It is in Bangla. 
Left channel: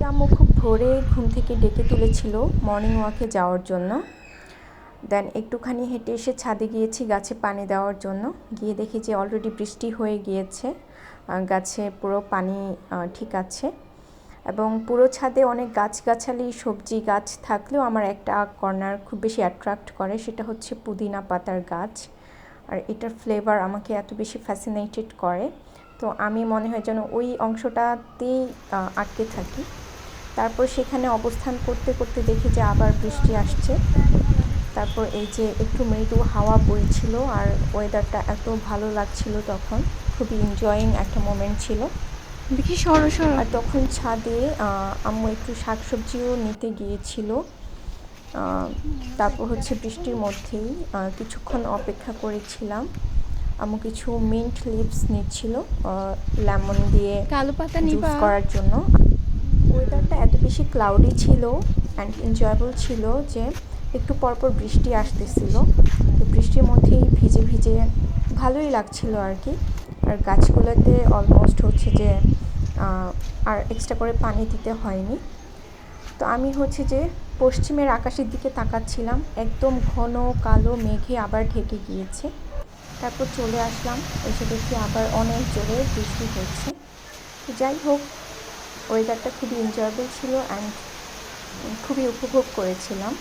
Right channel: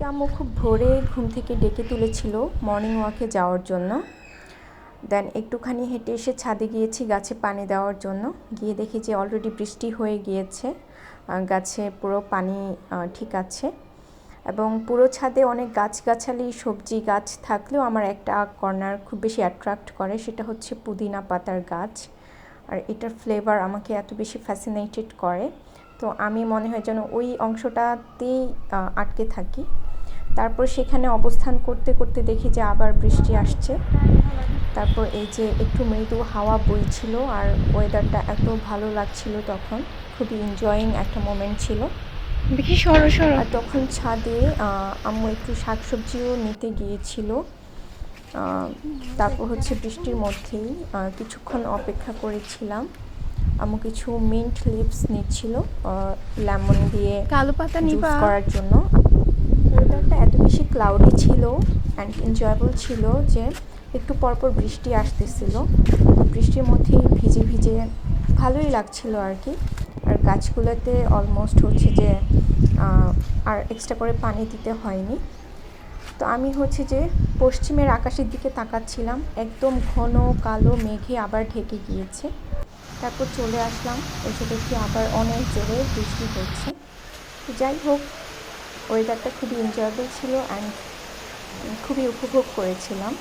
আজকে আম্মু খুব ভোরে ঘুম থেকে ডেকে তুলেছিল মর্নিং ওয়াকে যাওয়ার জন্য। দেন একটুখানি হেঁটে এসে ছাদে গিয়েছি গাছে পানি দেওয়ার জন্য। গিয়ে দেখি যে অলরেডি বৃষ্টি হয়ে গিয়েছে, গাছে পুরো পানি ঠিক আছে। এবং পুরো ছাদে অনেক গাছগাছালি সবজি গাছ থাকলেও আমার একটা কর্নার খুব বেশি অ্যাট্রাক্ট করে, সেটা হচ্ছে পুদিনা পাতার গাছ। আর এটার ফ্লেভার আমাকে এত বেশি ফ্যাসিনেটেড করে, তো আমি মনে হয় যেন ওই অংশটাতেই আটকে থাকি। তারপর সেখানে অবস্থান করতে করতে দেখি যে আবার বৃষ্টি আসছে। তারপর এই যে একটু মৃদু হাওয়া বইছিল আর ওয়েদারটা এত ভালো লাগছিল, তখন খুবই এনজয়িং একটা মোমেন্ট ছিল। আর তখন ছাদে আম্মু একটু শাকসবজিও নিতে গিয়েছিল। তারপর হচ্ছে বৃষ্টির মধ্যেই কিছুক্ষণ অপেক্ষা করেছিলাম। আম্মু কিছু মিন্ট লিভস নিচ্ছিল লেমন দিয়ে কালো পাতা জুস নিবা? করার জন্য। ওয়েদারটা এত বেশি ক্লাউডি ছিল অ্যান্ড এনজয়েবল ছিল যে একটু পরপর বৃষ্টি আসতেছিল। বৃষ্টির মধ্যেই ভিজে ভিজে ভালোই লাগছিল আর কি। আর গাছগুলোতে অলমোস্ট হচ্ছে যে আর এক্সট্রা করে পানি দিতে হয়নি। তো আমি হচ্ছে যে পশ্চিমের আকাশের দিকে তাকাচ্ছিলাম, একদম ঘন কালো মেঘে আবার ঢেকে গিয়েছে। তারপর চলে আসলাম, এসে দেখি আবার অনেক জোরে বৃষ্টি হচ্ছে। যাই হোক, ওয়েদারটা খুবই এনজয়েবল ছিল অ্যান্ড খুবই উপভোগ করেছিলাম।